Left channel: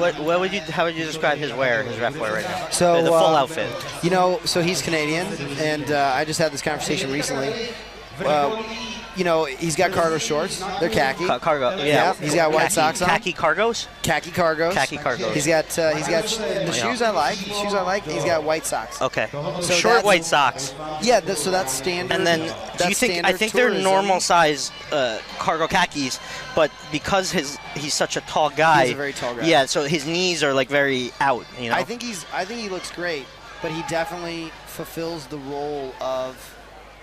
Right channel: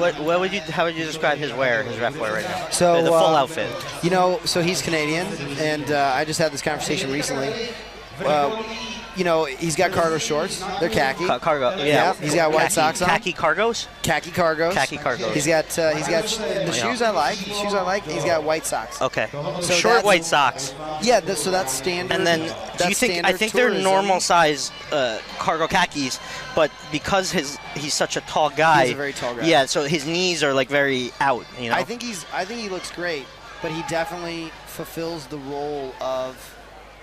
What would you? How would you describe his wear, his ref wear right now? So the full outfit. You know, so he's Canadian, and I just had this conversation recently. You know, he's got cargo shorts. They're khaki. Cargo. Yeah. He's got white socks on. Khaki cargos. Khaki cargos. Khaki cargos. He's got the shoes I like. The shoes I like. He's got white socks. Okay. So short white socks. Yeah. So that's standard. And then, do you think? I think they're normal size cargo khakis, but because he's such a tall guy. He's a very tall guy. Yeah. So his knees are like very out. You know. I think he looks great, but he definitely fulfills the role of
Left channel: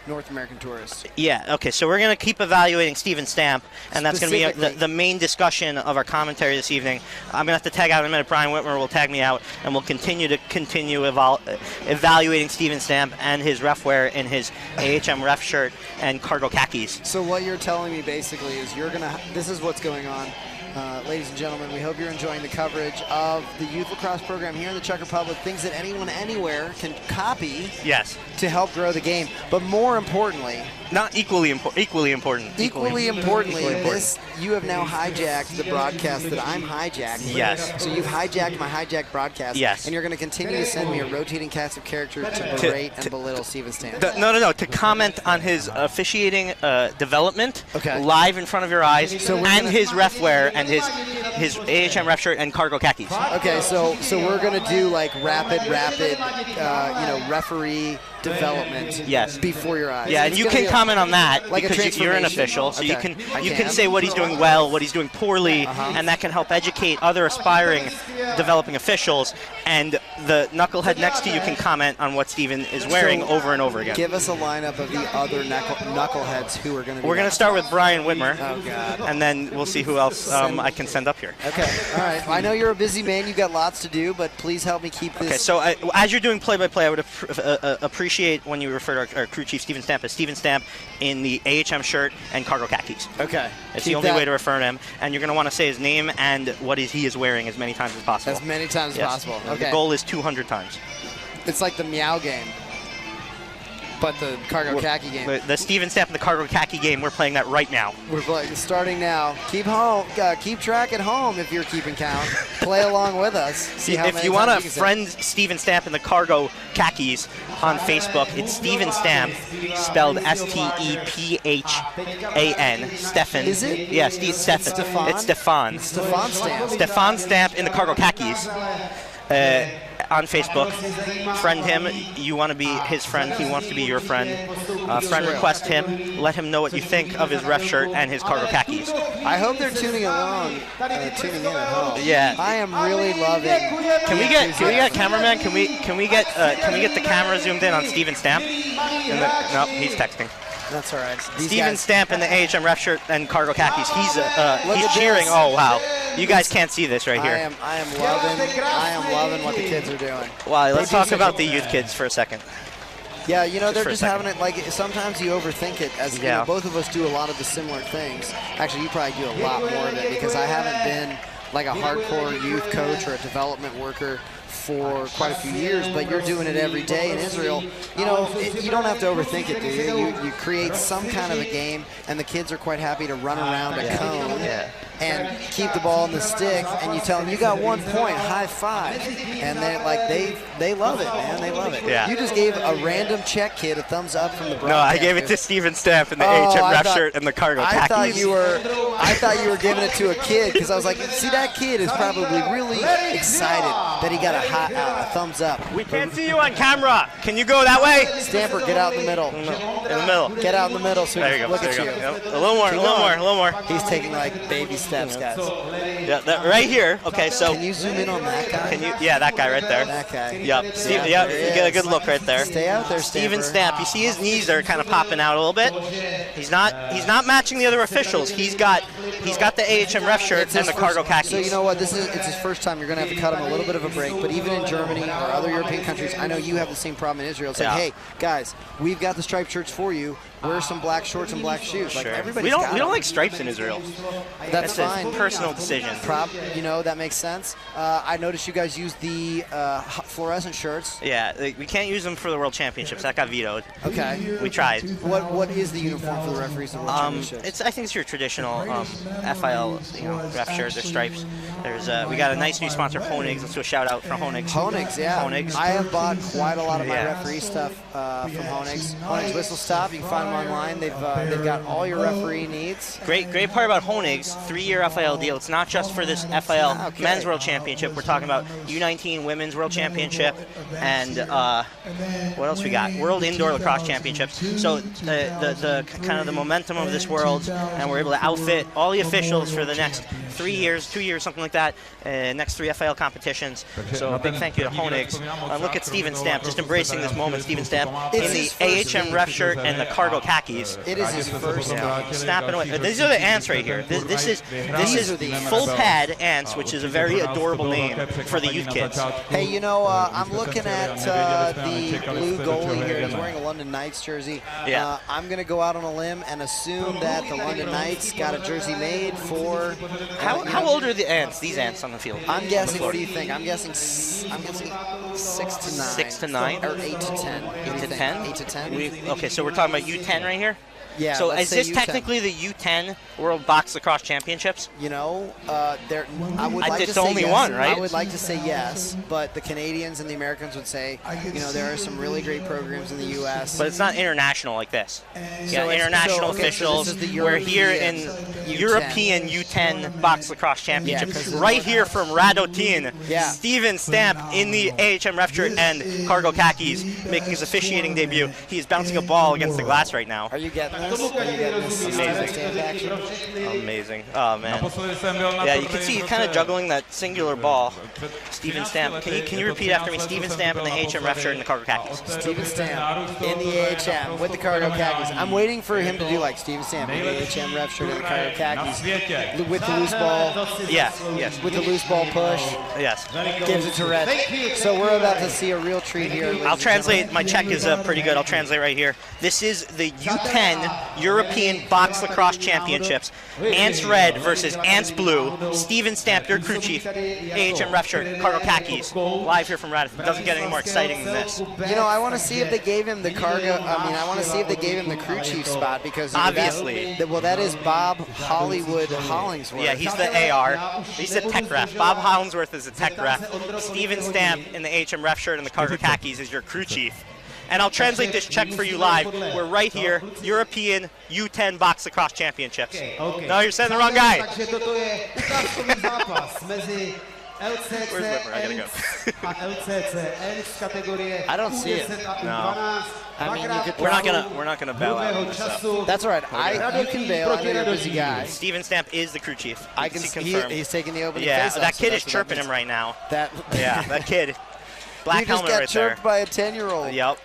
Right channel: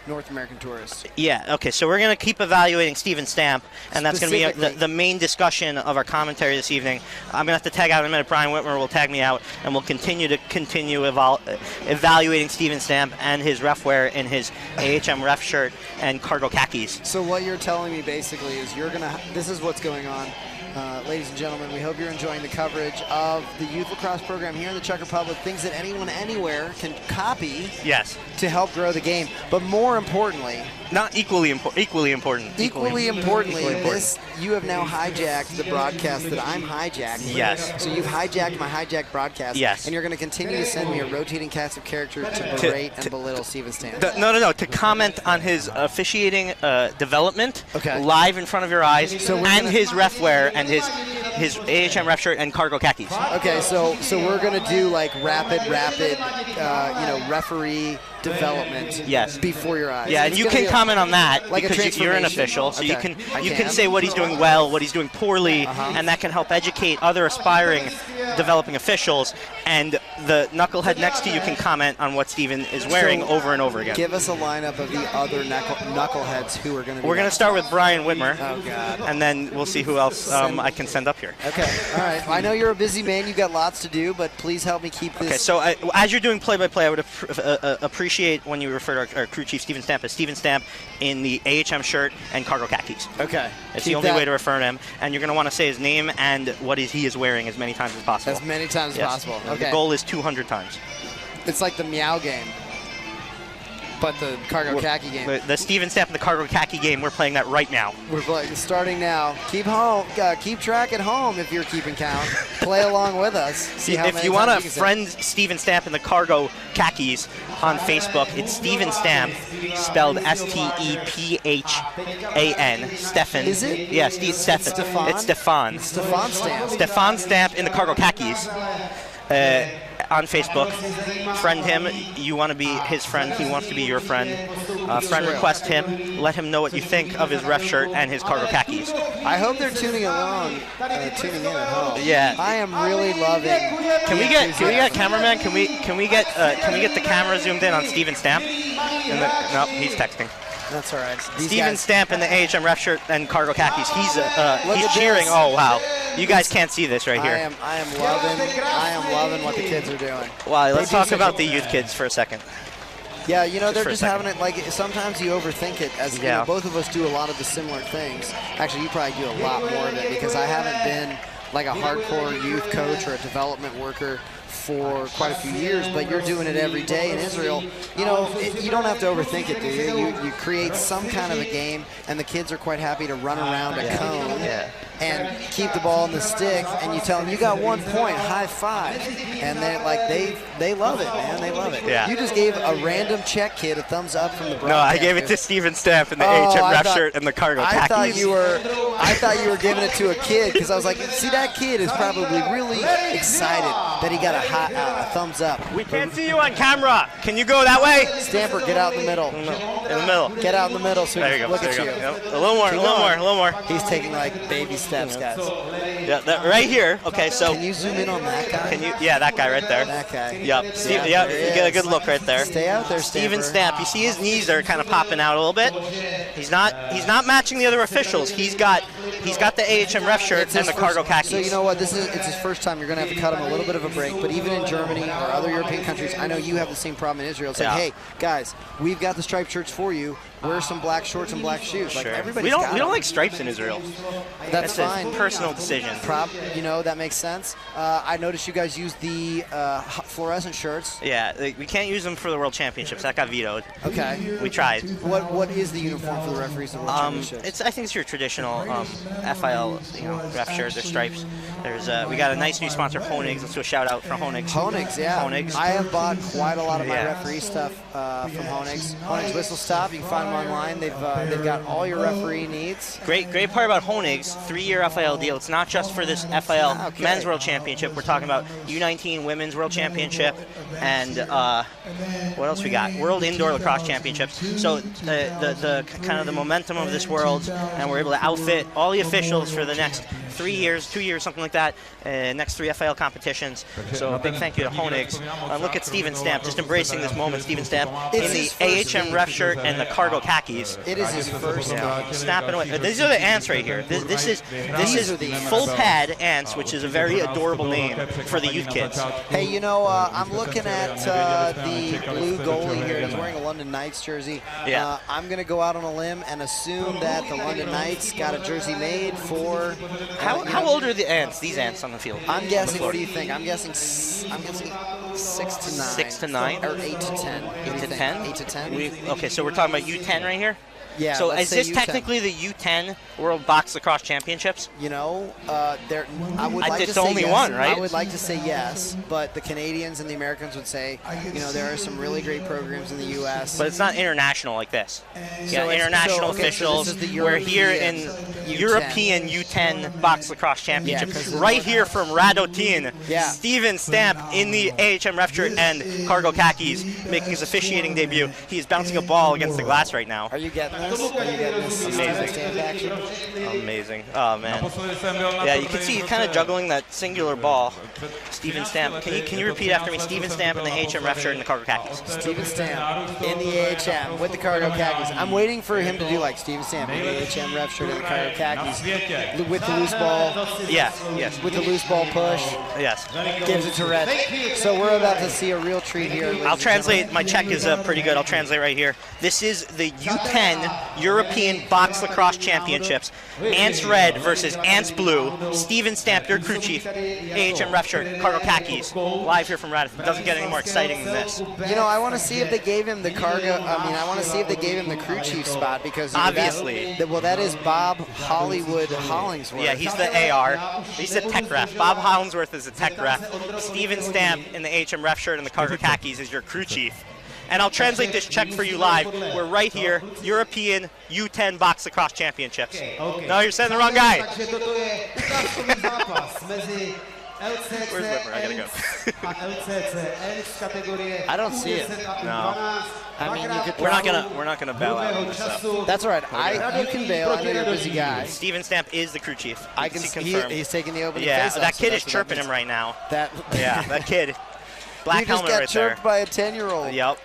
North American tourists. Yeah, okay, so we're going to keep evaluating Steven Stamp, and that's going to be the main discussion of our commentary this evening. I'm going to have to tag out in a minute. Brian Whitmer will tag me out, and we'll continue evaluating Steven Stamp and his ref wear in his AHM ref shirt and cargo khakis. So what you're telling me basically is this is what's going on. Ladies and gentlemen, we hope you're enjoying the coverage of the youth lacrosse program here in the Czech Republic, things that anyone anywhere can copy to help grow the game. But more importantly, equally importantly, you have now hijacked the broadcast that I'm hijacking. Yes. So you've hijacked my hijacked broadcast. Yes. And you're going to continue to send me a rotating cast of characters to berate and belittle Steven Stamp. No. To comment on his officiating development live in front of your eyes, and his ref wear and his AHM ref shirt and cargo khakis. Okay, so we're going to do like rapid, referee development before your eyes. Yeah, and you can comment on that like because you're an official, so you can say what he's doing well, what he's doing poorly, and that can help educate other aspiring developing officials. And the knucklehead next to you can comment on what Steven is wearing over and over again. Give us a lineup of the other knuckleheads who are going to be. We're going to start with Brian Whitmer. Oh, God. And then we'll see who else I can send up here. Okay, all right. I know you're a busy man. You've got lots to do, but please help me keep this. Okay, so as you're doing play-by-play, I would appreciate when you refer to our crew chief, Steven Stamp, as Steven Stamp in the AHM shirt and cargo khakis. Okay. It's the only way to refer to him. And you're going to want to say his name and what he is wearing as many times as possible. As many times as possible. Okay. The goal is 200 times. It's like the meow game, but the cargo khaki game. The Steven Stamp and the cargo khaki game, we're playing that right now. We're starting now. Keep track at home if you're keeping count. Play along with us. See how if you want to friend Steven Stamp in the cargo khakis on Facebook, it's Steven Stamp, spelled S-T-E-P-H-A-N. Stefan. Is it? Yeah, Stefan. It's Stefan. Stefan Stamp. Stefan Stamp in the cargo khakis. On Facebook, friend him. You want to be his friend. He wants to be your friend. Friend request him. Let him know what you think of his ref shirt and his cargo khakis. I hope they're tuning in at home. Yeah. I am really loving. Can we get cameraman? Can we get the camera zoomed in on Steven Stamp? Nope, he's texting. That's all right. Steven Stamp in the AHM ref shirt and cargo khakis. He's cheering. This. Oh wow! You guys can't see this right here. I am loving what the kids are doing. Wow, let's talk about the youth kids for a second. Yeah, you know, they're just having it, like, sometimes you overthink it. As you know, both of us do a lot of the similar things. Actually, you probably do a lot more of it because I haven't been like a hardcore youth coach or a development worker for quite a few years, but you're doing it every day in Israel. You know, you don't have to overthink it, do you? You create some kind of a game, and the kids are quite happy to run around a cone and keep the ball in the stick, and you tell them, you got 1 point, high five. And they're like, they love it, man. They love it. Yeah. You just gave a random Czech kid a thumbs up from the broadcast. No, I gave it to Steven Stamp in the AHM ref shirt and the cargo khakis. I thought you were giving it to a kid because I was like, see, that kid is probably really excited that he got a thumbs up. We can't see you on camera. Can you go that way? Stamper, get out in the middle. In the middle. Get out in the middle so we can look at you. Yep. A little more. He's taking like baby steps, guys. Yeah, right here. Okay, so. Can you zoom in on that guy? Yeah, that guy right there. That guy. Yep. You get a good look right there. Stay out there, Steven Stamp. You see his knees are kind of popping out a little bit. He's not matching the other officials. He's got the AHM ref shirt and the cargo khakis. So you know what? It's his first time. You're going to have to cut him a little bit of a break. But even in Germany or other European countries, I know you have the same problem in Israel. It's like, hey, guys, we've got the striped shirts for you. Wear some black shorts and black shoes. Like everybody's got we don't like stripes in Israel. That's fine. A personal decision. That makes sense. I noticed you guys use the fluorescent shirts. Yeah, we can't use them for the World Championships. That got vetoed. Okay. We tried. What is the uniform for the referees of the World Championships? I think it's your traditional FIL, ref shirt, their stripes. There's we got a nice new sponsor, Honig's. Let's do a shout out for Honig's. Honig's, yeah. Honig's. I have bought quite a lot of my referee stuff from Honig's. Honig's Whistle Stop. You can find them online. They've got all your referee needs. Great part about Honig's, 3-year FIL deal. It's not just for this FIL Men's World Championship. We're talking about U19 Women's World Championship and what else we got? World Indoor Lacrosse Championships. So the kind of the momentum of this world, and we're able to outfit all the officials for the next 3 years, 2 years, something like that, next 3 FIL competitions. So a big thank you to Honig's. Look at Steven Stamp, just embracing this moment. Steven Stamp in the AHM ref shirt and the cargo khakis. It is his first time. Snapping away. These are the ants right here. This is full pad ants, which is a very adorable name for the youth kids. Hey, I'm looking at the blue goalie here. He's wearing a London Knights jersey. Yeah. I'm going to go out on a limb and assume that the London Knights got a jersey made for... How old are the ants? These ants on the field? I'm guessing. What do you think? I'm guessing 6 to 9. 6 to 9 or 8 to 10. 8 to 10. 8 to 10. Okay, so we're talking about U10 right here. Yeah. So is this technically the U10 World Box Lacrosse Championships? I would like to say it's only yes. one, right? I would like to say yes, but the Canadians and the Americans would say, there are some really great programs in the U.S. But it's not international like this. International officials. We're here in European U10 Box Lacrosse Championship. Right here from Radotin. Yeah. Steven Stamp in the AHM ref shirt and cargo khakis, making his officiating debut. He's bouncing a ball against the glass right now. Are you getting this? Amazing. Oh, man. Yeah, you can see he's kind of juggling that singular ball. Steven Stamp. Can you repeat after me? Steven Stamp in the AHM ref shirt and the cargo khakis. Steven Stamp in the AHM with the cargo khakis. I'm waiting for him to do like Steven Stamp in the AHM ref shirt and the cargo khakis with the loose ball. Yes. With the loose ball push. Yes. Gives it to Red. So we're about to see a real treat here. I'll translate. My check is pretty good. I'll translate right here. This is the U10 European Box Lacrosse Championships. Ants Red versus Ants Blue. Steven Stamp, your crew chief. AHM ref shirt, cargo khakis. Live here from Radisson. It doesn't get any more exciting than this. I want to see if they gave him the I want to see if they gave him the crew chief spot because obviously. That is Bob Hollywood Hollingsworth. Yeah, he's the AR. He's the tech ref. Bob Hollingsworth is the tech ref. Steven Stamp in the AHM ref shirt and the cargo khakis is your crew chief. And I'll translate this check for you live. We're right here, European U10 Box Lacrosse Championships. No, you're saying the wrong guy. Where's Whipper? I gotta go. I don't see it. No. I mean, we're not gonna bail out on this stuff. That's all right. You can bail. I know you're a busy guy. Steven Stamp is the crew chief. I can confirm. He's taking the opening. Yeah, face that off, kid is chirping him right now. That kid. Black helmet right there. He just got chirped by a 10-year-old. Yep.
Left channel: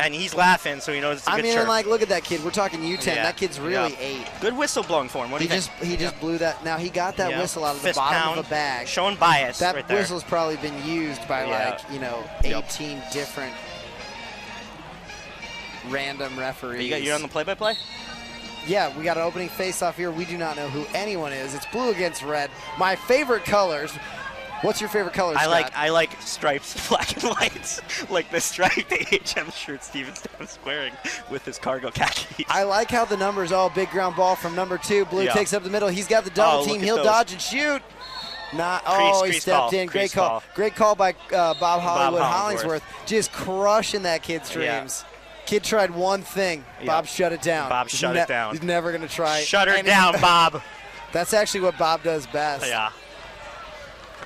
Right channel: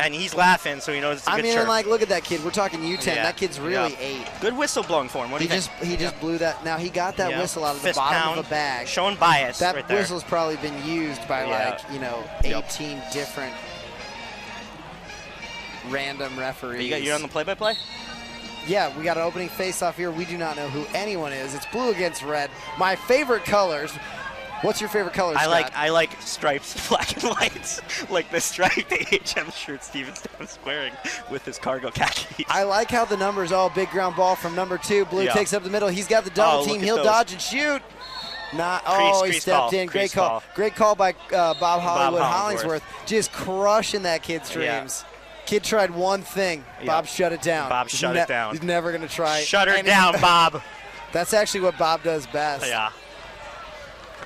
And he's laughing, so he knows it's a good chirp. Look at that kid. We're talking U10. Yeah. That kid's really 8. Good whistle blowing for him. What do you think? He just blew that. Now, he got that whistle out of the bottom of a bag. Showing bias right there. That whistle's probably been used by, 18 different random referees. You're on the play-by-play? Yeah, we got an opening face-off here. We do not know who anyone is. It's blue against red. My favorite colors. What's your favorite color, Scott? I like stripes, black and whites, like the striped AHM shirt Steven Stamp's wearing with his cargo khakis. I like how the numbers, big ground ball from number 2. Blue takes up the middle. He's got the double team. He'll dodge and shoot. He stepped in. Great call. Great call by Bob Hollingsworth. Just crushing that kid's dreams. Kid tried one thing. Bob shut it down. Bob shut it down. He's never going to try. Shut her down, Bob. That's actually what Bob does best. Yeah.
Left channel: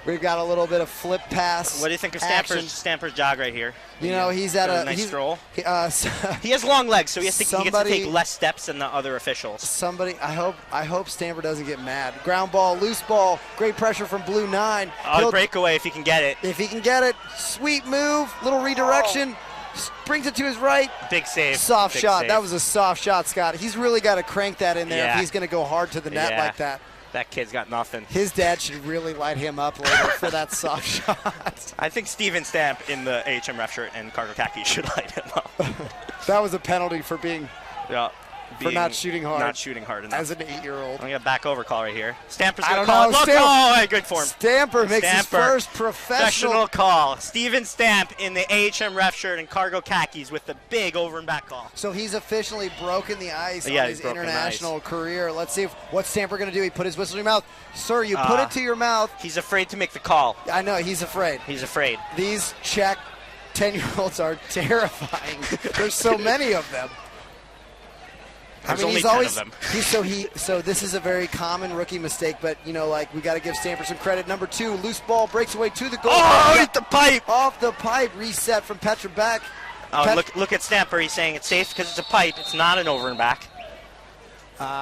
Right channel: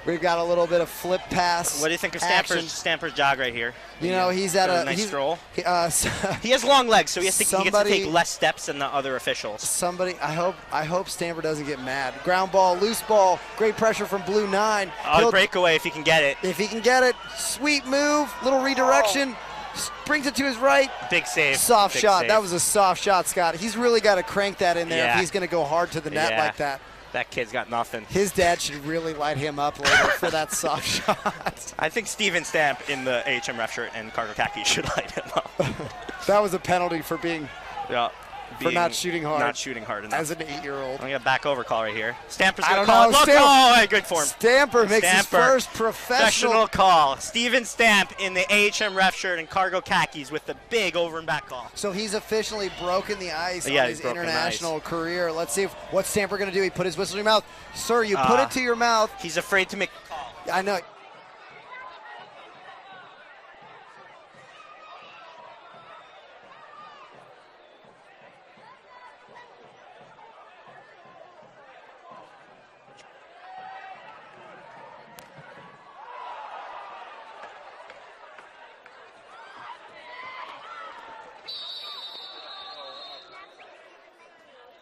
We've got a little bit of flip pass. What do you think of Stamper's jog right here? He's at a nice stroll. He has long legs, so he gets to take less steps than the other officials. I hope Stamper doesn't get mad. Ground ball, loose ball, great pressure from Blue 9. Breakaway if he can get it. If he can get it, sweet move, little redirection. Brings it to his right. Big save. Soft shot. That was a soft shot, Scott. He's really got to crank that in there if he's going to go hard to the net like that. That kid's got nothing. His dad should really light him up later for that soft shot. I think Steven Stamp in the AHM ref shirt and cargo khaki should light him up. That was a penalty for being For not shooting hard. Not shooting hard enough. As an 8-year-old. I'm going to back over call right here. Stamper's I going don't to call know. it. Look, oh, good form. Stamper makes his first professional call. Steven Stamp in the AHM ref shirt and cargo khakis with the big over and back call. So he's officially broken the ice on his international career. Let's see what's Stamper going to do. He put his whistle in your mouth. Sir, you put it to your mouth. He's afraid to make the call. I know, he's afraid. He's afraid. These Czech 10-year-olds are terrifying. There's so many of them. There's only 10 of them. So this is a very common rookie mistake, but you know, like, we got to give Stamper some credit. Number 2, loose ball breaks away to the goal. Oh, hit the pipe! Off the pipe, reset from Petra Beck. Oh, look at Stamper. He's saying it's safe because it's a pipe. It's not an over and back.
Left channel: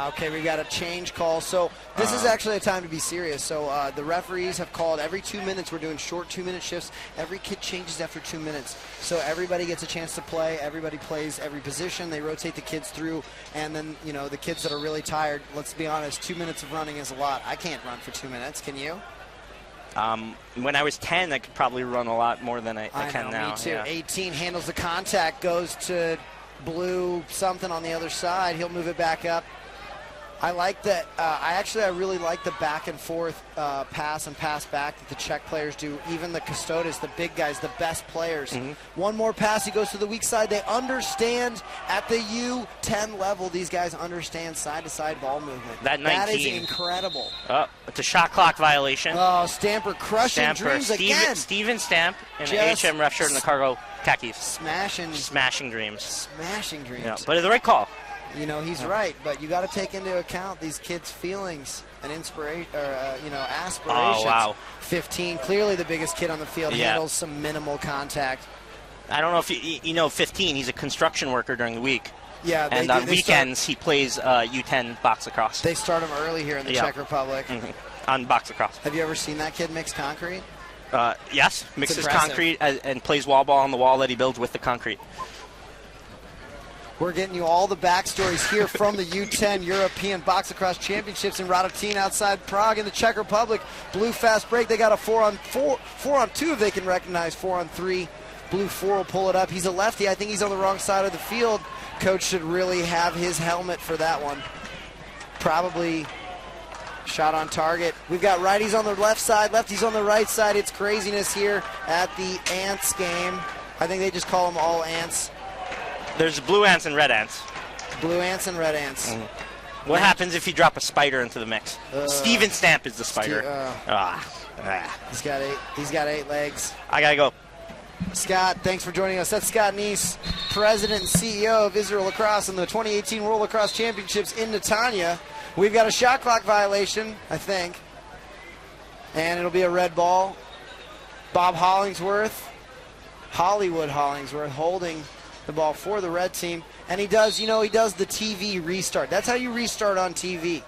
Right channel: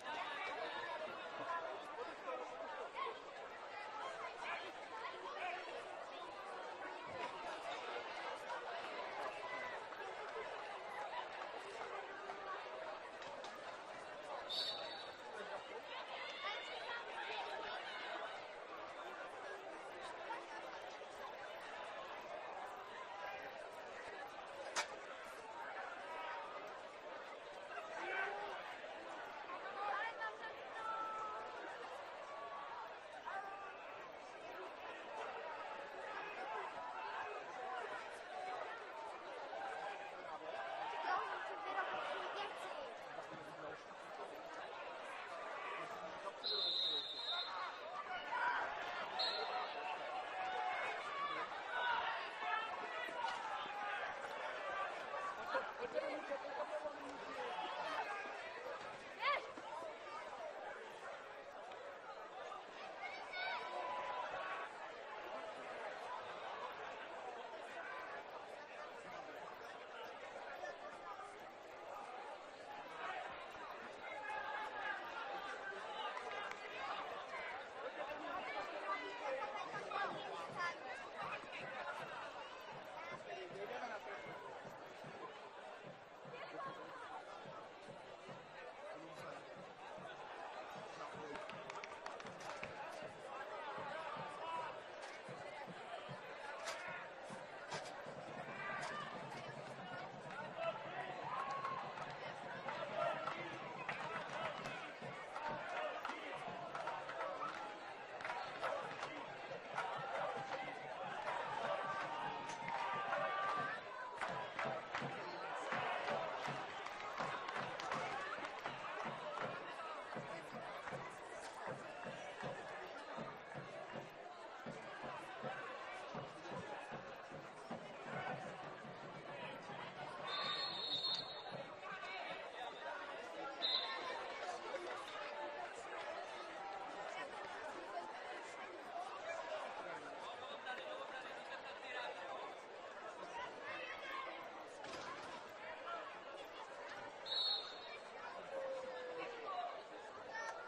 Okay, we got a change call. So this is actually a time to be serious. So the referees have called every 2 minutes. We're doing short 2-minute shifts. Every kid changes after 2 minutes. So everybody gets a chance to play. Everybody plays every position. They rotate the kids through. And then, you know, the kids that are really tired, let's be honest, 2 minutes of running is a lot. I can't run for 2 minutes. Can you? When I was 10, I could probably run a lot more than I can now. Me too. Yeah. 18 handles the contact, goes to blue something on the other side. He'll move it back up. I like that. I really like the back and forth pass and pass back that the Czech players do. Even the Custodes, the big guys, the best players. One more pass, he goes to the weak side. They understand at the U10 level. These guys understand side-to-side ball movement. That is incredible. Oh, it's a shot clock violation. Oh, Stamper crushing dreams again. Steven Stamp in the HM ref shirt and the cargo khakis. Smashing dreams. Smashing dreams. Yeah, but it's the right call. You know, he's right, but you got to take into account these kids' feelings and inspiration, aspirations. Oh, wow. 15, clearly the biggest kid on the field, handles some minimal contact. I don't know if you know 15. He's a construction worker during the week. Yeah, and on weekends he plays U10 box lacrosse. They start him early here in the Czech Republic. On box lacrosse. Have you ever seen that kid mix concrete? Yes, mixes concrete and plays wall ball on the wall that he builds with the concrete. We're getting you all the backstories here from the U10 European Box Lacrosse Championships in Radotín outside Prague in the Czech Republic. Blue fast break. They got a 4-on-2 if they can recognize 4-on-3. Blue 4 will pull it up. He's a lefty. I think he's on the wrong side of the field. Coach should really have his helmet for that one. Probably shot on target. We've got righties on the left side, lefties on the right side. It's craziness here at the Ants game. I think they just call them all Ants. There's blue ants and red ants. Blue ants and red ants. What happens if you drop a spider into the mix? Steven Stamp is the spider. He's got 8 legs. I gotta go. Scott, thanks for joining us. That's Scott Neese, President and CEO of Israel Lacrosse in the 2018 World Lacrosse Championships in Netanya. We've got a shot clock violation, I think. And it'll be a red ball. Bob Hollingsworth, Hollywood Hollingsworth, holding the ball for the red team, and he does the TV restart. That's how you restart on TV.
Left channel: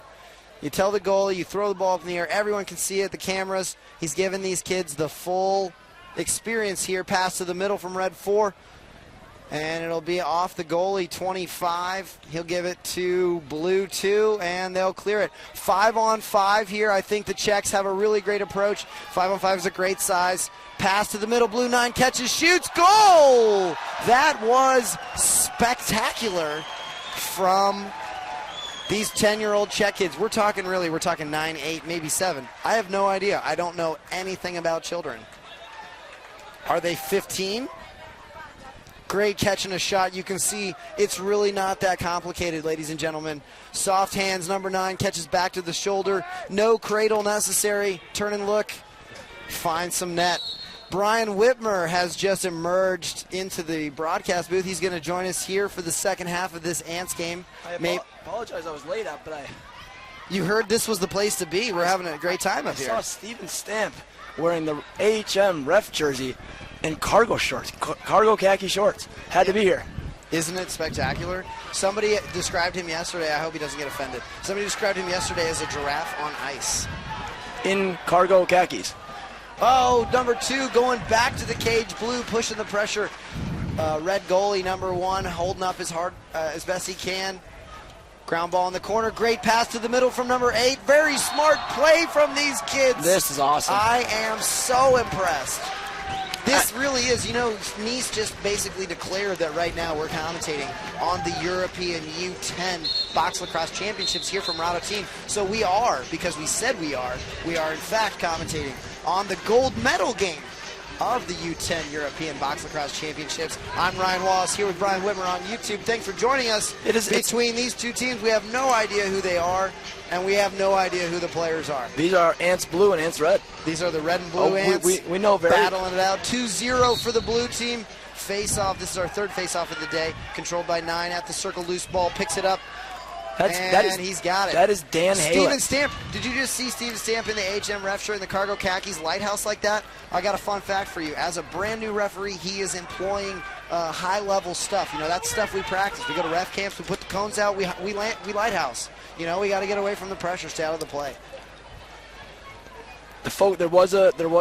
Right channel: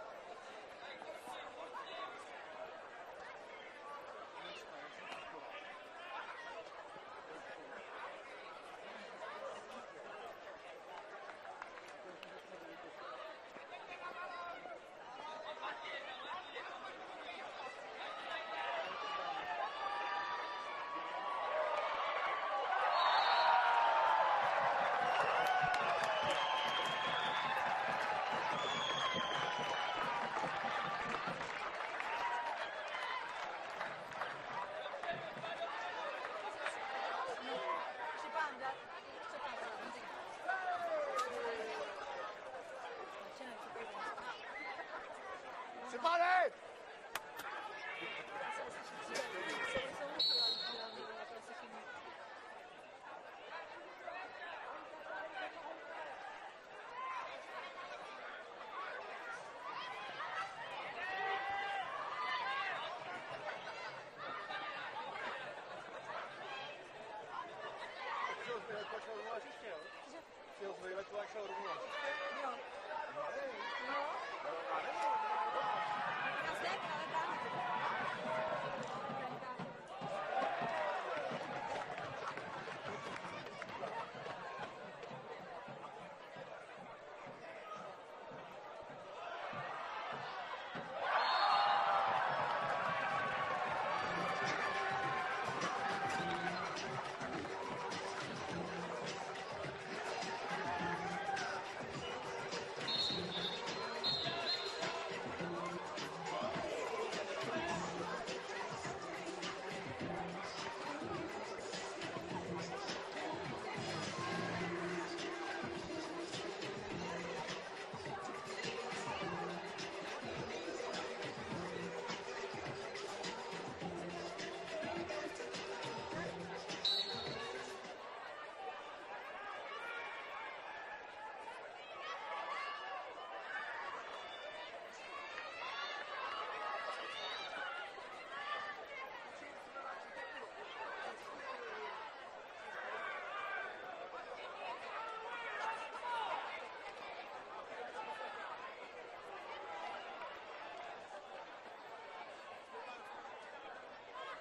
You tell the goalie, you throw the ball up in the air, everyone can see it, the cameras. He's giving these kids the full experience here. Pass to the middle from red 4, and it'll be off the goalie, 25. He'll give it to blue 2, and they'll clear it. 5-on-5 here. I think the Czechs have a really great approach. 5-on-5 is a great size. Pass to the middle, blue 9 catches, shoots, goal! That was spectacular from these 10-year-old Czech kids. We're talking 9, 8, maybe 7. I have no idea. I don't know anything about children. Are they 15? Great catch and a shot. You can see it's really not that complicated, ladies and gentlemen. Soft hands, number 9 catches back to the shoulder. No cradle necessary. Turn and look. Find some net. Brian Whitmer has just emerged into the broadcast booth. He's going to join us here for the second half of this Ants game. I apologize I was late up, but You heard this was the place to be. We're having a great time up here. I saw Steven Stamp wearing the AHM ref jersey and cargo shorts, cargo khaki shorts. Had to be here. Isn't it spectacular? Somebody described him yesterday. I hope he doesn't get offended. Somebody described him yesterday as a giraffe on ice. In cargo khakis. Oh, number 2 going back to the cage. Blue pushing the pressure. Red goalie, number 1, holding up as best he can. Ground ball in the corner. Great pass to the middle from number 8. Very smart play from these kids. This is awesome. I am so impressed. This really is, you know, Nice just basically declared that right now we're commentating on the European U10 Box Lacrosse Championships here from Rado Team. So we are, because we said we are in fact commentating on the gold medal game of the U10 European Box Lacrosse Championships. I'm Ryan Wallace here with Brian Whitmer on YouTube. Thanks for joining us. Between these two teams, we have no idea who they are, and we have no idea who the players are. These are Ants Blue and Ants Red. These are the red and blue Ants. We know very battling it out. 2-0 for the blue team. Face-off. This is our third face-off of the day. Controlled by 9 at the circle. Loose ball. Picks it up. He's got it. That is Dan Haley. Steven Stamp. Did you just see Steven Stamp in the HM ref shirt in the cargo khakis lighthouse like that? I got a fun fact for you. As a brand new referee, he is employing high-level stuff. You know, that's stuff we practice. We go to ref camps. We put the cones out. We lighthouse. You know, we got to get away from the pressure, stay out of the play. There was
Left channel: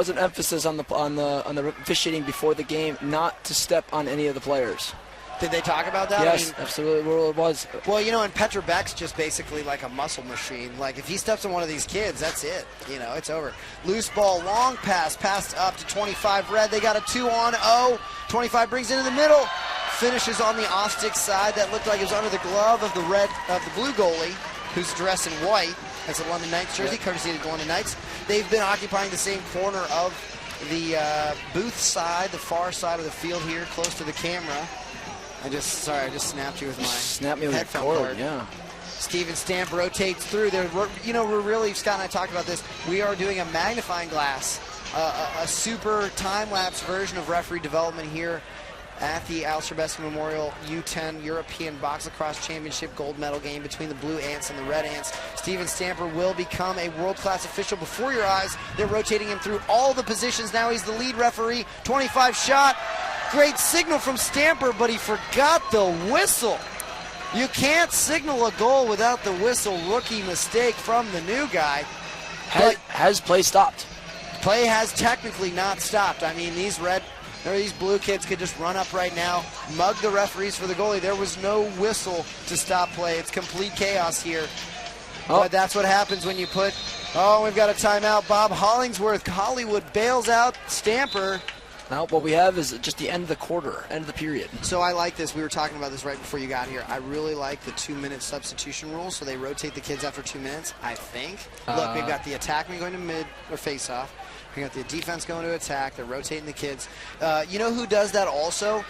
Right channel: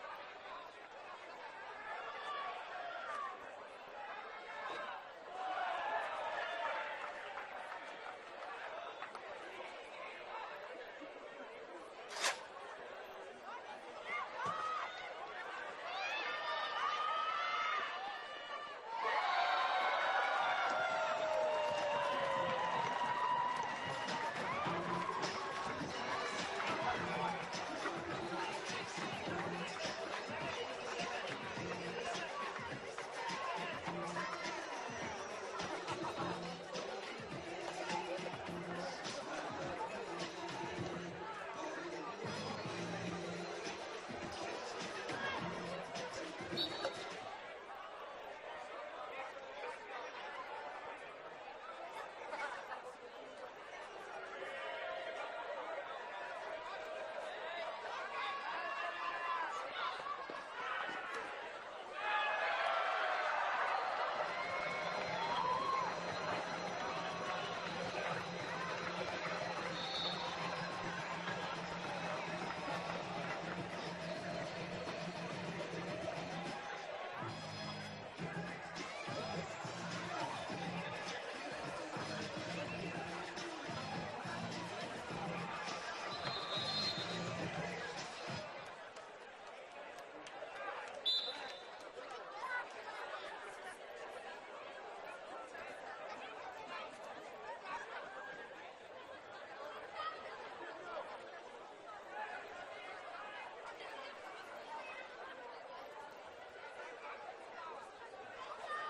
an emphasis on the officiating before the game not to step on any of the players. Did they talk about that? Yes, absolutely. It was. Well, you know, and Petra Beck's just basically like a muscle machine. Like, if he steps on one of these kids, that's it. You know, it's over. Loose ball, long pass, passed up to 25 red. They got a 2-on-0. 25 brings it into the middle. Finishes on the off-stick side. That looked like it was under the glove of the blue goalie, who's dressed in white. That's a London Knights jersey, courtesy of the London Knights. They've been occupying the same corner of the booth side, the far side of the field here, close to the camera. I just snapped you with my headphone cord. Yeah. Steven Stamp rotates through there. We're really, Scott and I talked about this. We are doing a magnifying glass, a super time-lapse version of referee development here at the Aleš Hřebeský Memorial U10 European Box Lacrosse Championship gold medal game between the blue Ants and the red Ants. Steven Stamper will become a world-class official before your eyes. They're rotating him through all the positions. Now he's the lead referee. 25 shot. Great signal from Stamper, but he forgot the whistle. You can't signal a goal without the whistle. Rookie mistake from the new guy. Has play stopped? Play has technically not stopped. I mean, these blue kids could just run up right now, mug the referees for the goalie. There was no whistle to stop play. It's complete chaos here. But that's what happens when you put, we've got a timeout. Bob Hollingsworth, Hollywood bails out Stamper. Now what we have is just the end of the quarter, end of the period. So I like this. We were talking about this right before you got here. I really like the 2-minute substitution rule, so they rotate the kids after 2 minutes, I think. Look, we've got the attackman going to mid or face-off. We got the defense going to attack. They're rotating the kids. You know who does that also?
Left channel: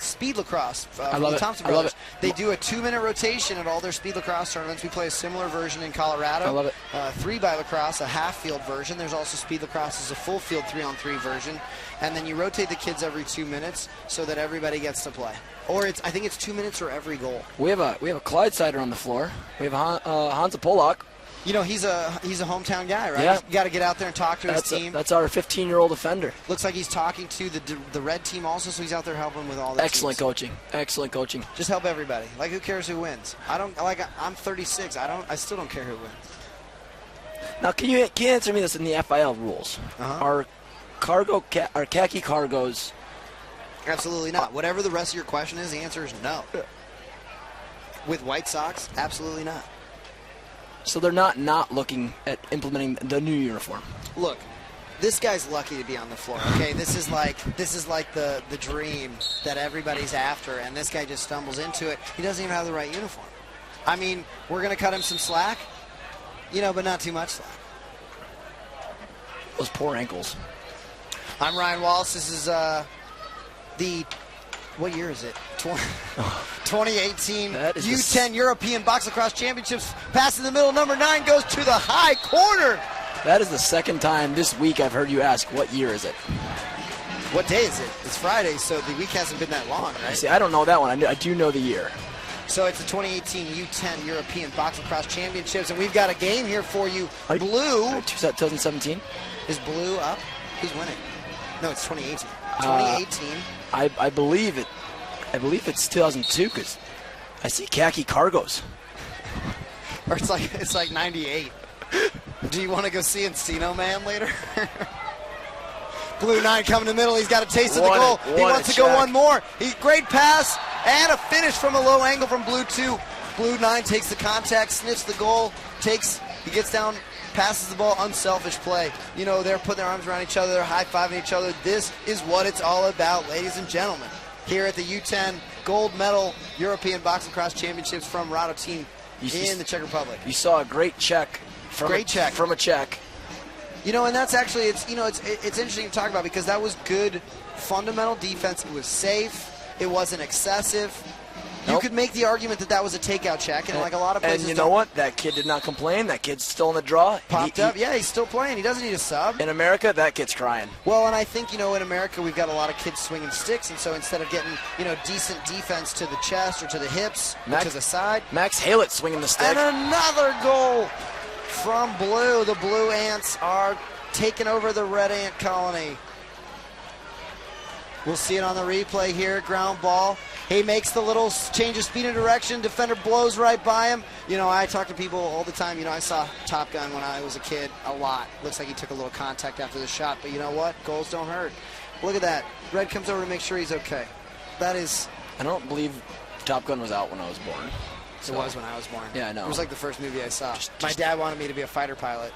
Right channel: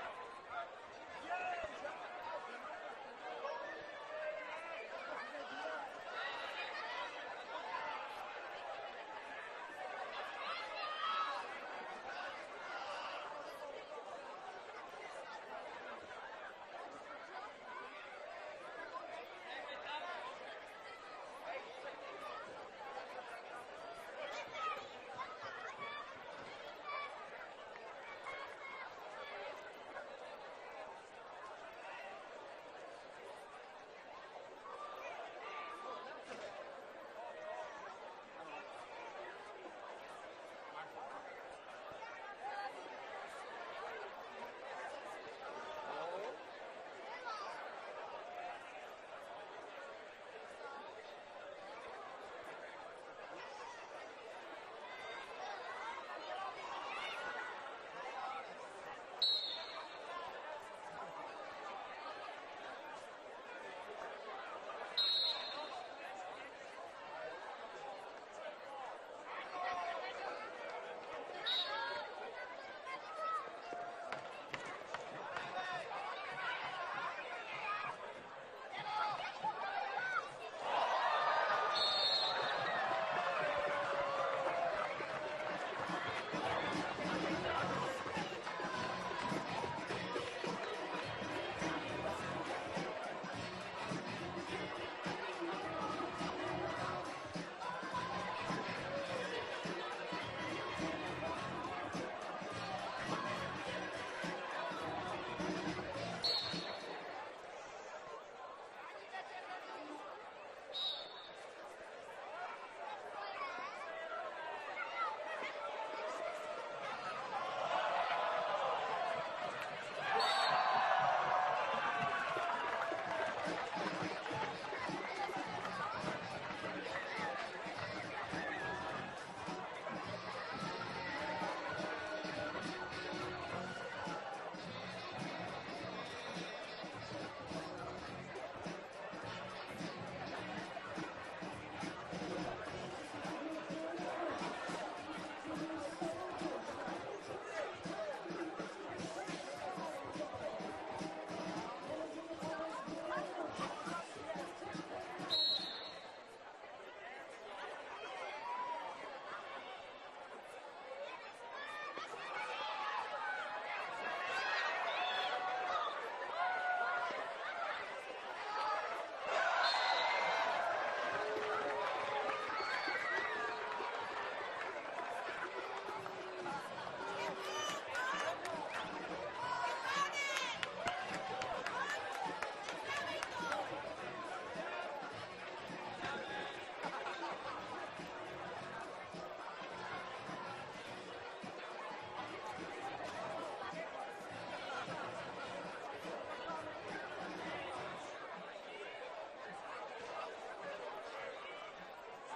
Speed lacrosse. I love it. Thompson Brothers. They do a 2-minute rotation at all their speed lacrosse tournaments. We play a similar version in Colorado. I love it. 3x lacrosse, a half-field version. There's also speed lacrosse as a full-field 3-on-3 version. And then you rotate the kids every 2 minutes so that everybody gets to play. Or I think it's 2 minutes or every goal. We have a Clydesider on the floor. We have Hansa Polak. You know, he's a hometown guy, right? Yeah. You got to get out there and talk to his team. That's our 15-year-old offender. Looks like he's talking to the red team also, so he's out there helping with all that. Excellent coaching. Excellent coaching. Just help everybody. Like, who cares who wins? I'm 36. I still don't care who wins. Now, can you answer me this in the FIL rules? Are khaki cargos? Absolutely not. Whatever the rest of your question is, the answer is no. With White Sox, absolutely not. So they're not looking at implementing the new uniform. Look, this guy's lucky to be on the floor. Okay, this is like the dream that everybody's after, and this guy just stumbles into it. He doesn't even have the right uniform. I mean, we're gonna cut him some slack, you know, but not too much slack. Those poor ankles. I'm Ryan Wallace. This is what year is it? 2018 U10 European Box Lacrosse Championships. Pass in the middle, number 9 goes to the high corner. That is the second time this week I've heard you ask, what year is it? What day is it? It's Friday, so the week hasn't been that long, right? See, I don't know that one. I do know the year. So it's the 2018 U10 European Box Lacrosse Championships, and we've got a game here for you. Blue. 2017. Is blue up? Who's winning? No, it's 2018. 2018. I believe it. I believe it's 2002 because I see khaki cargos. Or it's like 98. Do you want to go see Encino Man later? Blue 9 coming in the middle. He's got a taste of the goal. He wants to go one more. Great pass and a finish from a low angle from Blue 2. Blue 9 takes the contact, sniffs the goal, he gets down passes the ball, unselfish play. You know, they're putting their arms around each other, they're high-fiving each other. This is what it's all about, ladies and gentlemen. Here at the U10 gold medal European Boxing Cross Championships from Rado team in the Czech Republic. You saw a great check from a Czech. You know, and that's actually, it's interesting to talk about because that was good fundamental defense. It was safe. It wasn't excessive. You could make the argument that that was a takeout check, and like a lot of places. And you know what? That kid did not complain. That kid's still in the draw. Popped up. Yeah, he's still playing. He doesn't need a sub. In America, that kid's crying. Well, and I think, you know, in America, we've got a lot of kids swinging sticks, and so instead of getting, you know, decent defense to the chest or to the hips or to the side. Max Halett swinging the stick. And another goal from Blue. The Blue Ants are taking over the Red Ant colony. We'll see it on the replay here. Ground ball. He makes the little change of speed and direction. Defender blows right by him. You know, I talk to people all the time. You know, I saw Top Gun when I was a kid a lot. Looks like he took a little contact after the shot, but you know what? Goals don't hurt. Look at that. Red comes over to make sure he's okay. That is... I don't believe Top Gun was out when I was born. So it was when I was born. Yeah, I know. It was like the first movie I saw. My dad wanted me to be a fighter pilot.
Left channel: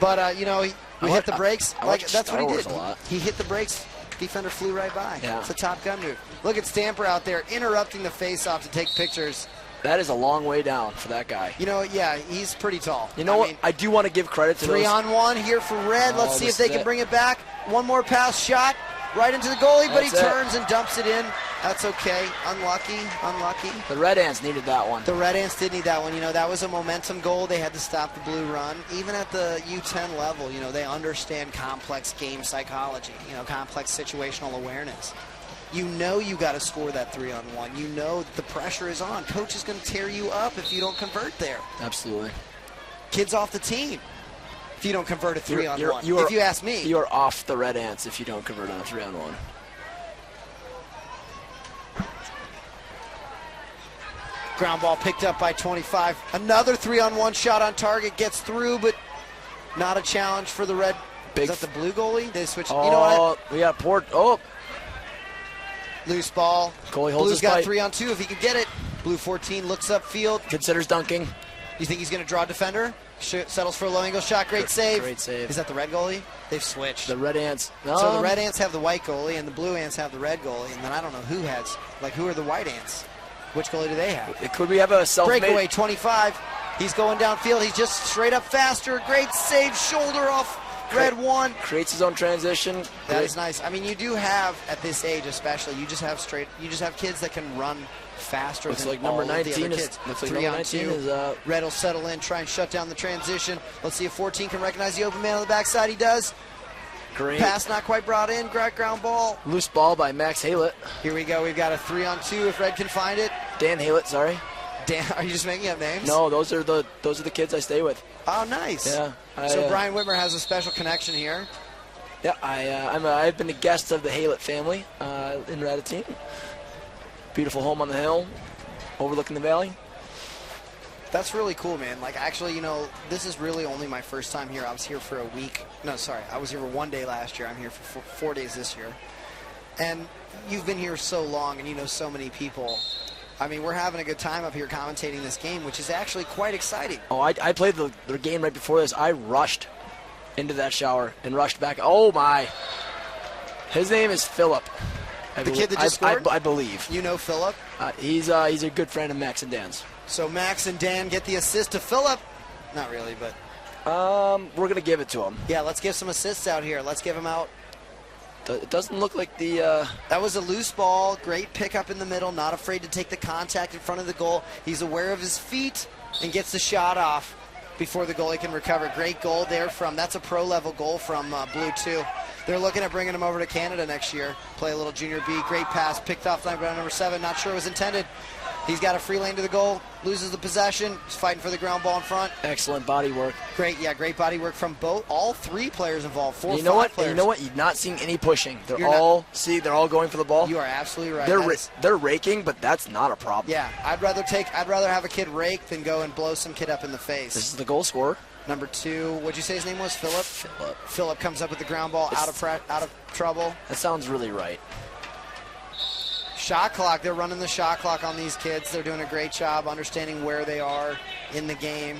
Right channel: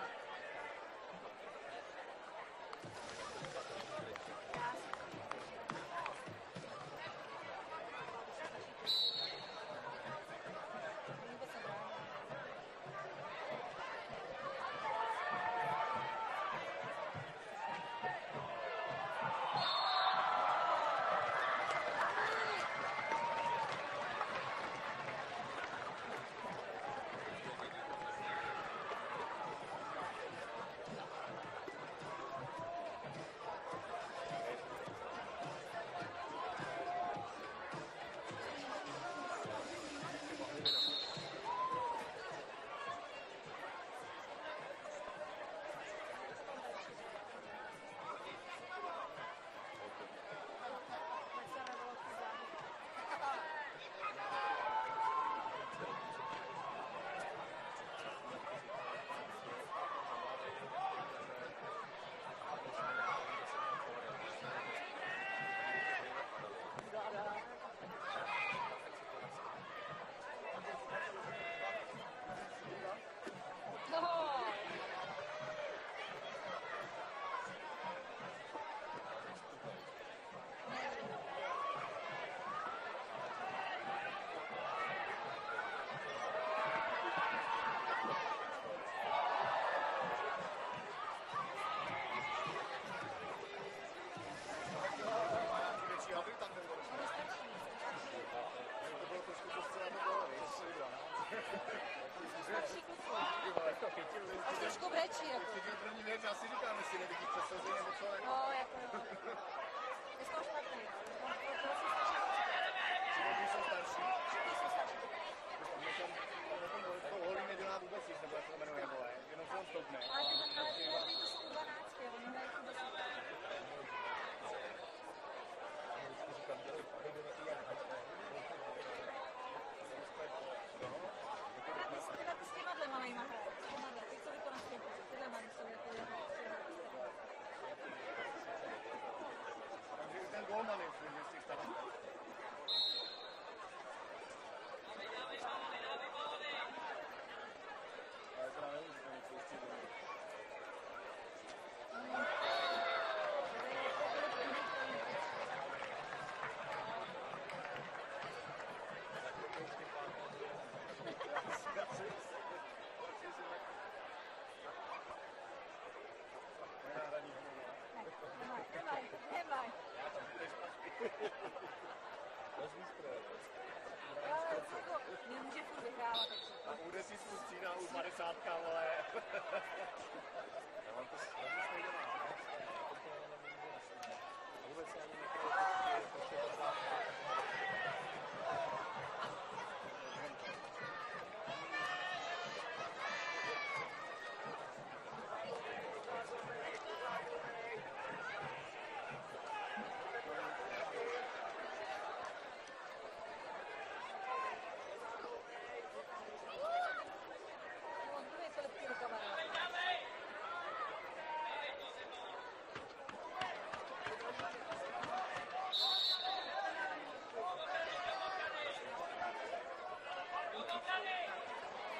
But, you know, we hit the brakes. Like, that's what he did. He hit the brakes. Defender flew right by. Yeah. It's a Top Gun move. Look at Stamper out there interrupting the face-off to take pictures. That is a long way down for that guy. You know, yeah, he's pretty tall. You know what? I do want to give credit to 3-on-1 here for Red. Let's see if they can bring it back. One more pass shot right into the goalie, but he turns and dumps it in. That's okay. Unlucky. The Red Ants needed that one. The Red Ants did need that one. You know, that was a momentum goal. They had to stop the Blue run. Even at the U10 level, you know, they understand complex game psychology, you know, complex situational awareness. You know you got to score that 3-on-1. You know that the pressure is on. Coach is going to tear you up if you don't convert there. Absolutely. Kids off the team if you don't convert a 3-on-1. If you ask me. You're off the Red Ants if you don't convert on a 3-on-1. Ground ball picked up by 25. Another 3-on-1 shot on target. Gets through, but not a challenge for the Red. Is that the Blue goalie? They switched. Oh, you know what? We got Port. Oh. Loose ball. Goalie holds Blue's got 3-on-2 if he can get it. Blue 14 looks upfield. Considers dunking. You think he's going to draw a defender? Settles for a low angle shot. Great save. Great save. Is that the Red goalie? They've switched. The Red Ants. So the Red Ants have the white goalie and the Blue Ants have the red goalie. And then I don't know who has, like, who are the White Ants? Which goalie do they have? Could we have a self-made? Breakaway 25. He's going downfield. He's just straight up faster. Great save. Shoulder off. Red one. Creates his own transition. That is nice. I mean, you do have, at this age especially, you just have kids that can run faster than like all number of 19 the other is, kids. looks like 3-on-2. is, Red will settle in, try and shut down the transition. Let's see if 14 can recognize the open man on the backside. He does. Great. Pass not quite brought in. Ground ball. Loose ball by Max Halett. Here we go. We've got a 3-on-2 if Red can find it. Dan Halett, sorry. Dan, are you just making up names? No, those are the kids I stay with. Oh, nice. Yeah. So Brian Whitmer has a special connection here. Yeah, I've been a guest of the Halett family in Ratatouille. Beautiful home on the hill, overlooking the valley. That's really cool, man. Like, actually, you know, this is really only my first time here. I was here for a week. No, sorry. I was here for 1 day last year. I'm here for 4 days this year. And you've been here so long, and you know so many people. I mean, we're having a good time up here commentating this game, which is actually quite exciting. Oh, I played the game right before this. I rushed into that shower and rushed back. Oh, my. His name is Philip. The kid that just scored? I believe. You know Philip? He's a good friend of Max and Dan's. So Max and Dan get the assist to Philip. Not really, but... we're going to give it to him. Yeah, let's give some assists out here. Let's give him out. It doesn't look like the... That was a loose ball. Great pickup in the middle. Not afraid to take the contact in front of the goal. He's aware of his feet and gets the shot off before the goalie can recover. Great goal there from... That's a pro-level goal from Blue, too. They're looking at bringing him over to Canada next year. Play a little junior B. Great pass. Picked off by number 7. Not sure it was intended. He's got a free lane to the goal. Loses the possession. He's fighting for the ground ball in front. Excellent body work. Great, yeah, great body work from all 3 players involved. 4 you know what? players. You know what? You're not seeing any pushing. They're all going for the ball. You are absolutely right. They're raking, but that's not a problem. Yeah, I'd rather have a kid rake than go and blow some kid up in the face. This is the goal scorer. Number 2, what'd you say his name was? Philip. Philip comes up with the ground ball out of trouble. That sounds really right. Shot clock. They're running the shot clock on these kids. They're doing a great job understanding where they are in the game.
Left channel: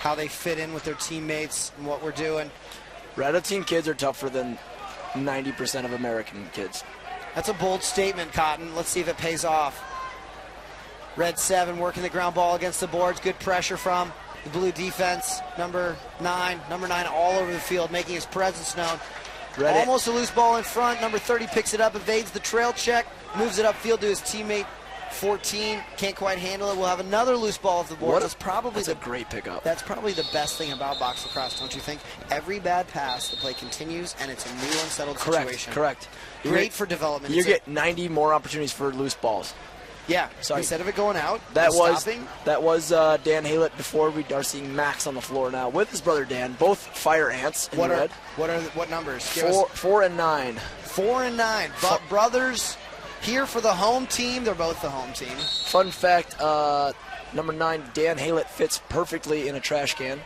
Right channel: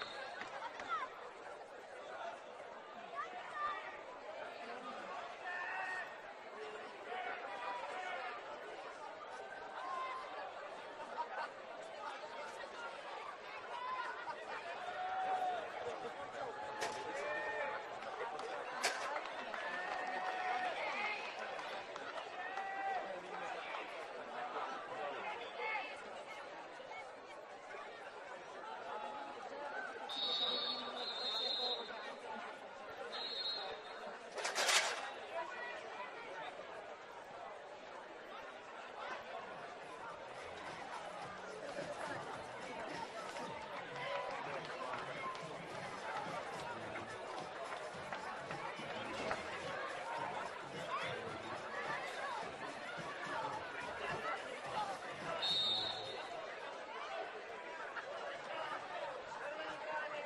how they fit in with their teammates and what we're doing. Rattleton kids are tougher than 90% of American kids. That's a bold statement, Cotton. Let's see if it pays off. Red 7 working the ground ball against the boards. Good pressure from the blue defense. Number 9 all over the field, making his presence known. Almost a loose ball in front. Number 30 picks it up, evades the trail check, moves it upfield to his teammate 14. Can't quite handle it. We'll have another loose ball off the board. That's a great pickup. That's probably the best thing about box lacrosse, don't you think? Every bad pass, the play continues, and it's a new unsettled situation. Correct. Great for development. You get 90 more opportunities for loose balls. Yeah, so instead of it going out, that was Dan Haylett. Before we are seeing Max on the floor now with his brother Dan, both fire ants. What numbers? 4 and 9. 4 and 9. Brothers here for the home team. They're both the home team. Fun fact: number 9, Dan Haylett, fits perfectly in a trash can.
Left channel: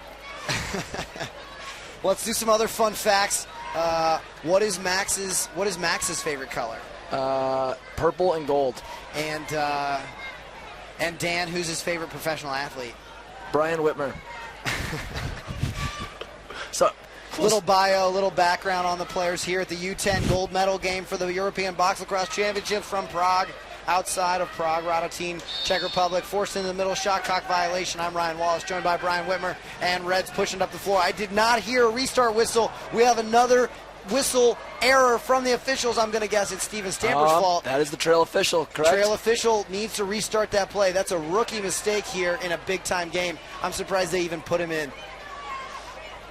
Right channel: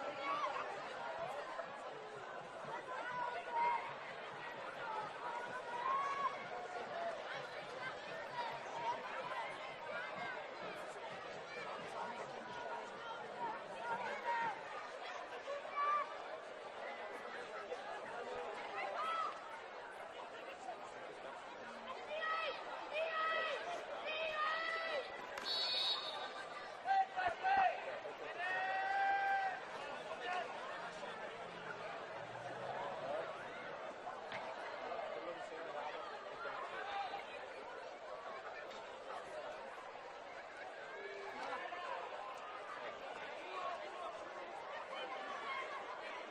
Let's do some other fun facts. What is Max's favorite color? Purple and gold. And Dan, who's his favorite professional athlete? Brian Whitmer. So, little bio, little background on the players here at the U10 gold medal game for the European Box Lacrosse Championships from Prague. Outside of Prague, Radotín, Czech Republic, forced into the middle, shot clock violation. I'm Ryan Wallace, joined by Brian Whitmer, and Reds pushing up the floor. I did not hear a restart whistle. We have another whistle error from the officials. I'm going to guess it's Steven Stamper's fault. That is the trail official, correct? Trail official needs to restart that play. That's a rookie mistake here in a big-time game. I'm surprised they even put him in.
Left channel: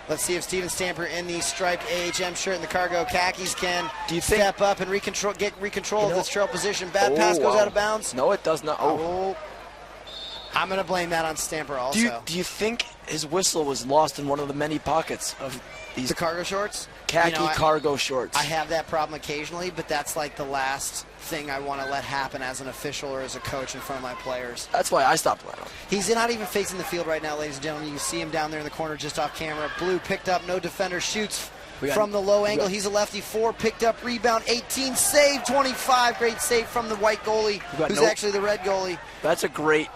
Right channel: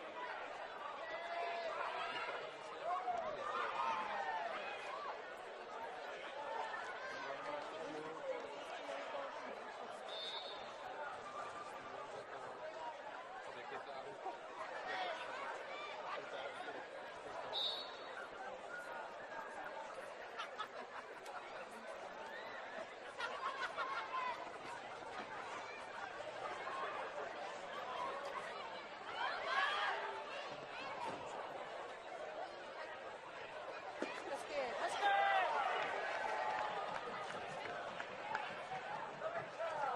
Let's see if Steven Stamper in the striped AHM shirt and the cargo khakis can step up and get control of this trail position. Bad pass goes out of bounds. No, it does not. I'm going to blame that on Stamper also. Do you think his whistle was lost in one of the many pockets of these? The cargo shorts? Khaki cargo shorts. I have that problem occasionally, but that's like the last thing I want to let happen as an official or as a coach in front of my players. That's why I stopped playing. He's not even facing the field right now, ladies and gentlemen. You see him down there in the corner just off camera. Blue picked up, no defender, shoots from the low angle. He's a lefty. 4 picked up, rebound 18, save 25. Great save from the white goalie, who's actually the red goalie. That's a great,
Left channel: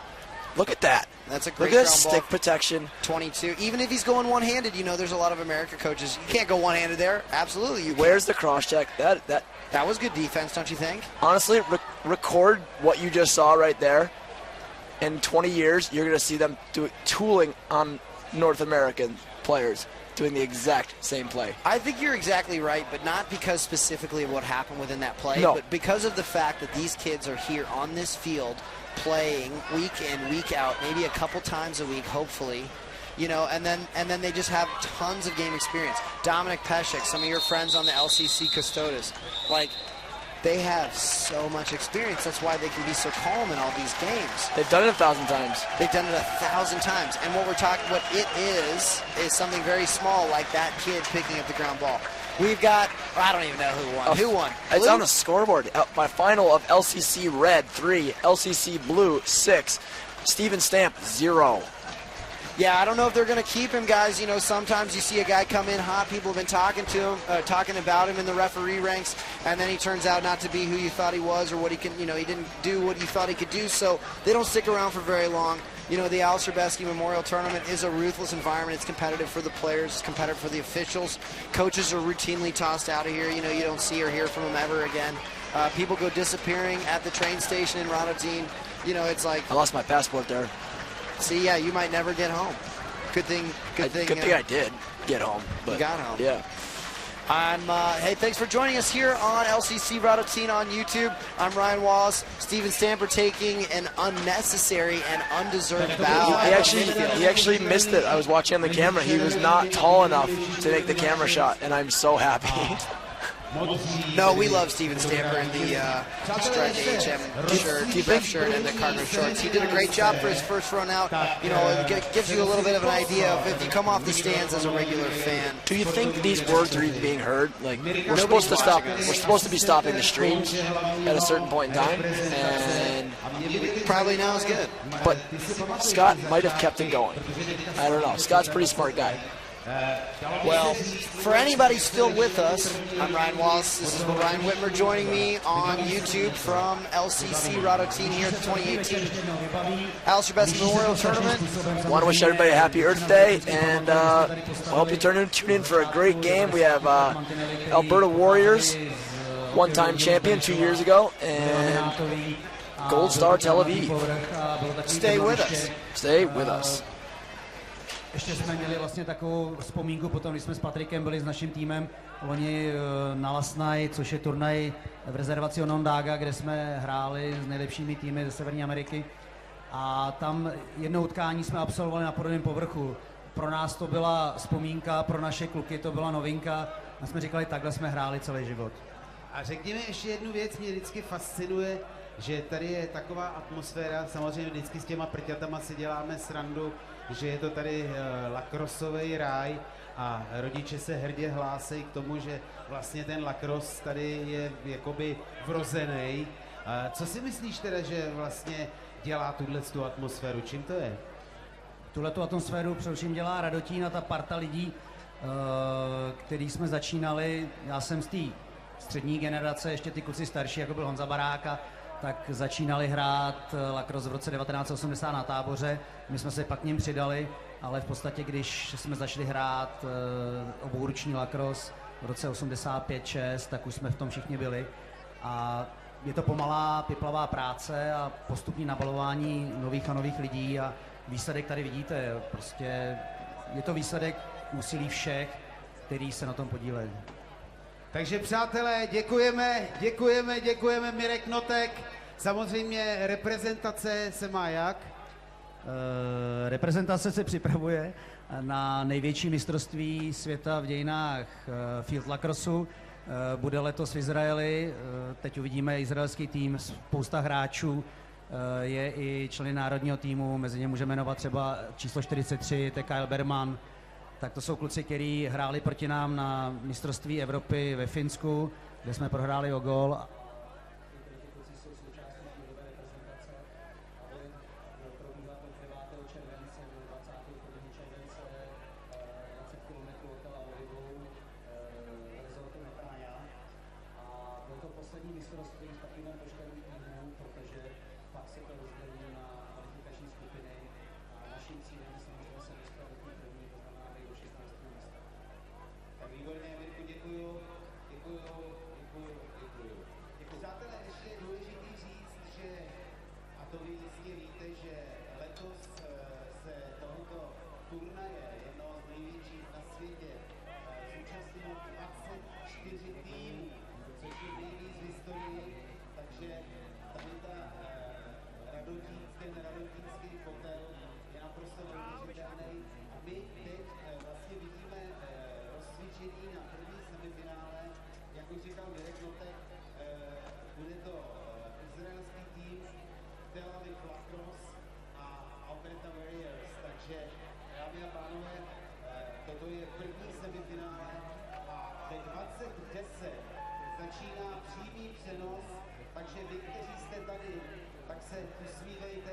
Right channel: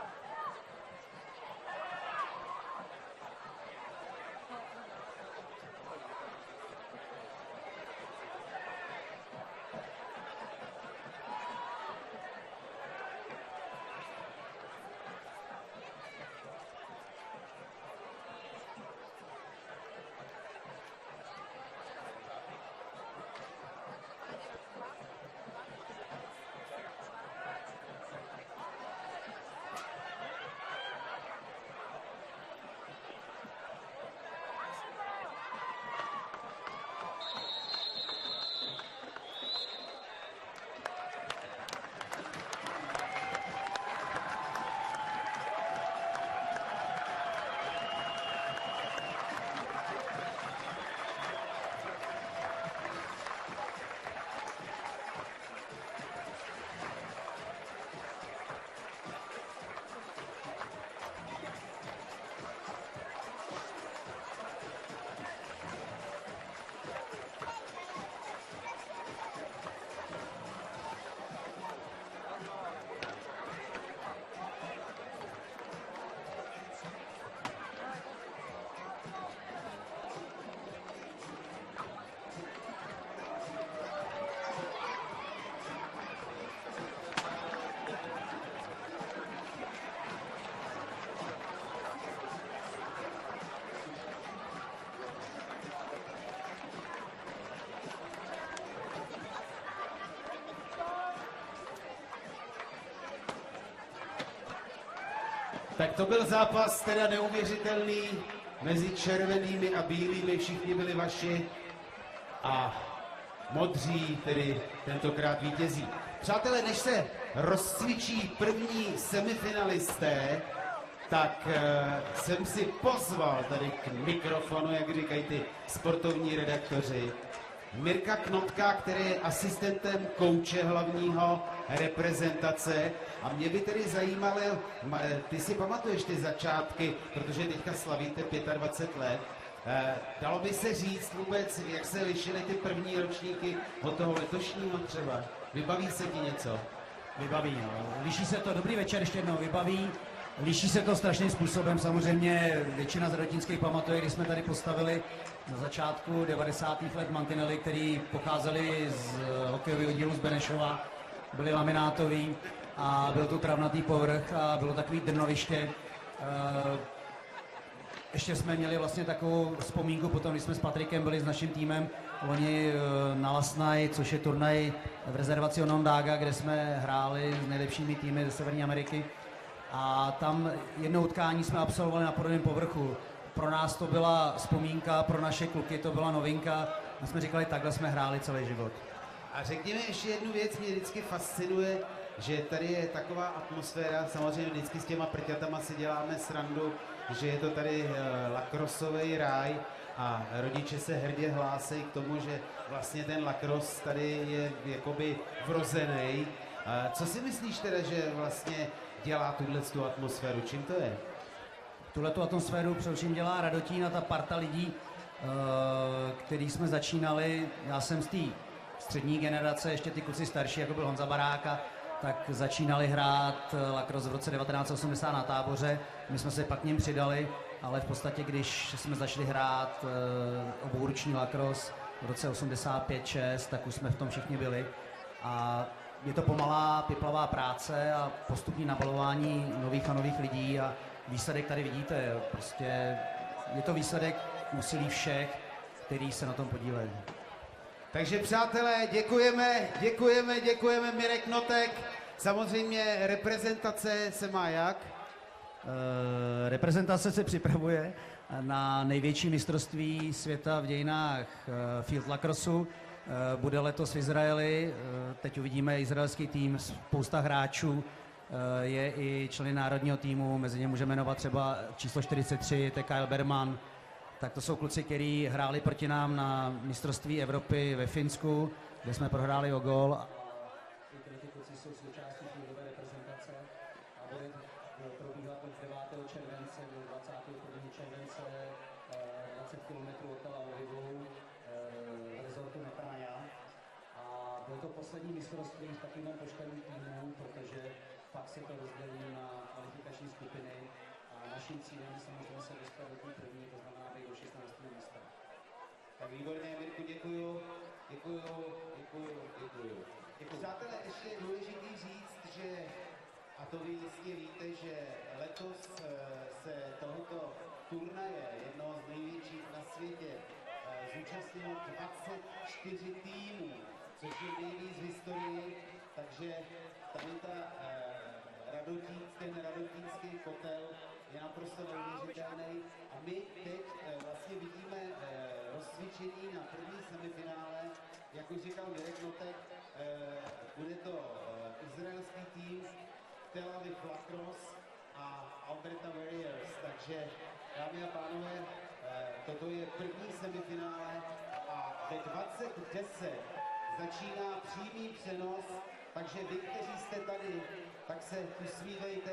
look at that. That's a great look at that stick protection. 22. Even if he's going one-handed, you know, there's a lot of American coaches. You can't go one-handed there. Absolutely, you Where's the cross-check? That was good defense, don't you think? Honestly, record what you just saw right there. In 20 years, you're going to see them tooling on North American players doing the exact same play. I think you're exactly right, but not because specifically of what happened within that play, but because of the fact that these kids are here on this field playing week in, week out, maybe a couple times a week, hopefully, you know, and then they just have tons of game experience. Dominic Peshek, some of your friends on the LCC Custodes, like, they have so much experience. That's why they can be so calm in all these games. They've done it 1,000 times. They've done it 1,000 times. And what it is something very small, like that kid picking up the ground ball. We've got, I don't even know who won. Who won? It's on the scoreboard. My final of LCC Red, 3. LCC Blue, 6. Steven Stamp, 0. Yeah, I don't know if they're going to keep him, guys. You know, sometimes you see a guy come in hot. People have been talking to him, talking about him in the referee ranks, and then he turns out not to be who you thought he was or what he can, you know, he didn't do what you thought he could do. So they don't stick around for very long. You know, the Aleš Hřebeský Memorial Tournament is a ruthless environment. It's competitive for the players. It's competitive for the officials. Coaches are routinely tossed out of here. You know, you don't see or hear from them ever again. People go disappearing at the train station in Radotín. You know, it's like... I lost my passport there. See, yeah, you might never get home. Good thing I did get home. You got home. Yeah. Hey, thanks for joining us here on LCC Radotín on YouTube. I'm Ryan Wallace. Steven Stamper taking an unnecessary and undeserved foul. He actually missed it. I was watching on the camera. He was not tall enough to make the camera shot, and I'm so happy. No, we love Steven Stamper in the shirt and the cargo shorts. He did a great job for his first run out. You know, it gives you a little bit of an idea of if you come off the stands as a regular fan. Do you think these words are being heard? Like, we're supposed to stop. We're supposed to be stopping the stream at a certain point in time, and probably now is good. But Scott might have kept it going. I don't know. Scott's a pretty smart guy. Well, for anybody still with us, I'm Ryan Wallace. This is Ryan Whitmer joining me on YouTube from LCC Rado Team Year 2018. Aleš Hřebeský Memorial Tournament. I want to wish everybody a happy Earth Day, and I hope you tune in for a great game. We have Alberta Warriors, one-time champion 2 years ago, and Gold Star Tel Aviv. Stay with us. Stay with us. Ještě jsme měli vlastně takovou vzpomínku potom, když jsme s Patrikem byli s naším týmem loni na Last Night, což je turnaj v rezervaci Onondaga, kde jsme hráli s nejlepšími týmy ze Severní Ameriky. A tam jedno utkání jsme absolvovali na podobném povrchu. Pro nás to byla vzpomínka, pro naše kluky to byla novinka. A jsme říkali, takhle jsme hráli celý život. A řekněme ještě jednu věc, mě vždycky fascinuje, že tady je taková atmosféra, samozřejmě vždycky s těma prťatama si děláme srandu, že je to tady lacrossový ráj a rodiče se hrdě hlásí k tomu, že vlastně ten lacrosse tady je jakoby vrozený. Co si myslíš teda, že vlastně dělá tuhle atmosféru? Čím to je? Tuhletu atmosféru především dělá Radotín a ta parta lidí, který jsme začínali. Já jsem z té střední generace, ještě ty kluci starší, jako byl Honza Baráka, tak začínali hrát lacrosse v roce 1980 na Táboře. My jsme se pak k ním přidali, ale v podstatě, když jsme začali hrát obouruční lacrosse v roce 85-6, tak už jsme v tom všichni byli. A je to pomalá, piplavá práce a postupné nabalování nových a nových lidí a výsledek tady vidíte. Prostě je to výsledek úsilí všech, kteří se na tom podílejí. Takže přátelé, děkujeme, Mirek Notek. Samozřejmě reprezentace se má jak? Reprezentace se připravuje na největší mistrovství světa v dějinách field lacrossu. Bude letos v Izraeli, teď uvidíme izraelský tým, spousta hráčů, je i členy národního týmu, mezi ně můžeme jmenovat třeba číslo 43, to je Kyle Berman. Tak to jsou kluci, kteří hráli proti nám na mistrovství Evropy ve Finsku, kde jsme prohráli o gól. Ty kluci jsou součástí týmové reprezentace a bude probíhat od 9. července do 21. července 20 km od Tel Avivu v rezortu Netáňa. A bylo to poslední mistrovství s takovým počtem týmů, protože pak se to rozdělí na kvalifikační skupiny a naším cílem je samozřejmě se dostat do té první, to znamená do 16. místa. Tak výborně, Mirku, děkuju. Přátelé, ještě je důležitý říct, že, a to vy jistě víte, že letos se tohoto turnaje, jednoho z největších na světě, zúčastnilo 24 týmů, což je nejvíc v historii, takže tady ten radotínský kotel je naprosto neuvěřitelný a my teď vlastně vidíme rozcvičení na první semifinále, jak už říkal Mirek Notek, bude to izraelský tým Tel Aviv Lacrosse a Alberta Warriors, takže dámy a pánové, toto je první semifinále a ve 20:10 začíná přímý přenos, takže vy, kteří jste tady, tak se usmívejte.